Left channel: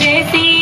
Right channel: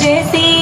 చేసి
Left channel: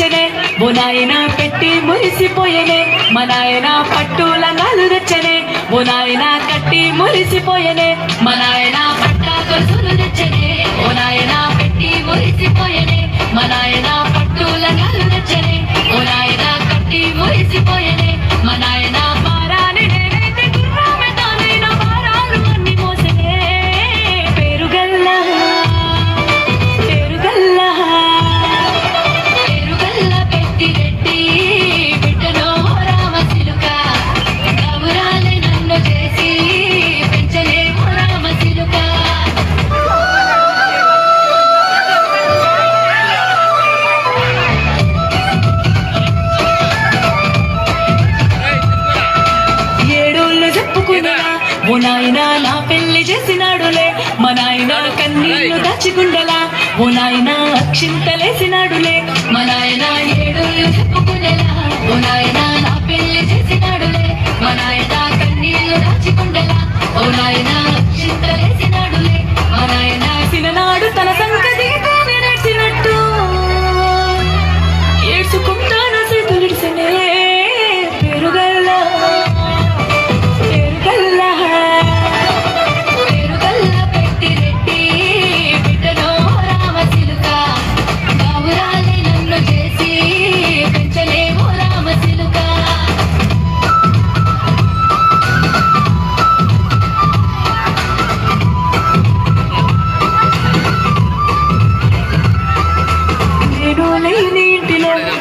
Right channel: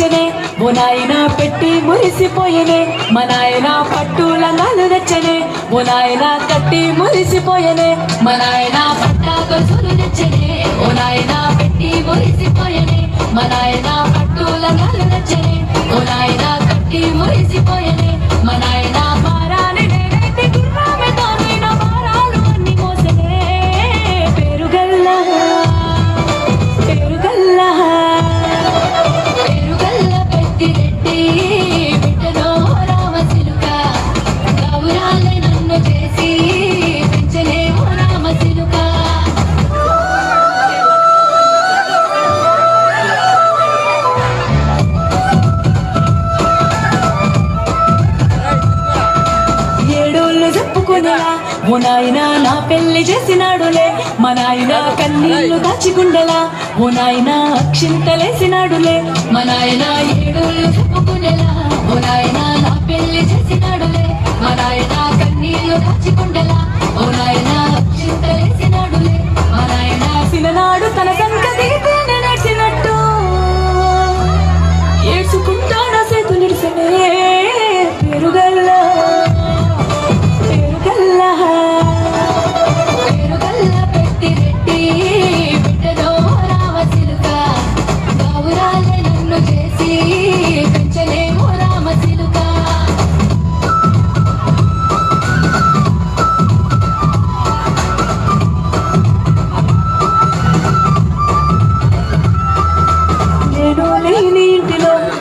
నచ్చనే ఓ నాయన పెట్టి మురిసిపోయనే మా నాయన పట్టుల నాలు నచ్చనే ఓ నాయన కట్టి మురిసిపోయనే మా నాయన పట్ట గొలుసులు తెచ్చనే ఓ నాయన చెప్పుకునేలా ఓ నాయన నా పెళ్ళి చేసినాడులే. మా నాయన కన్నీళ్ళు దాచుకుండేలా. ఓ నాయన అక్షింతలేసినాడులే.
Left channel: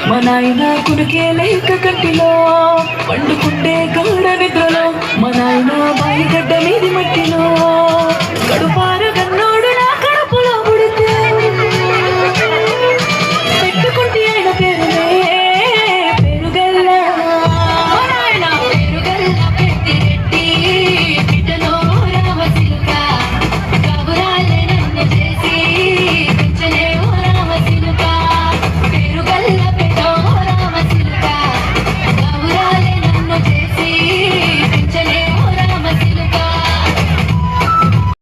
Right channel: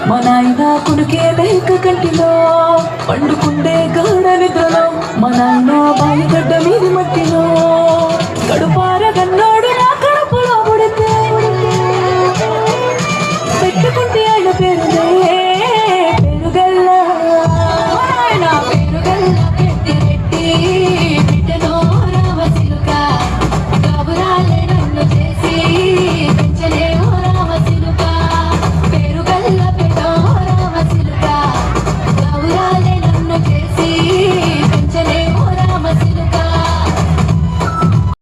మా నాయన కుడికే లేక కంటిలో పండుకుండే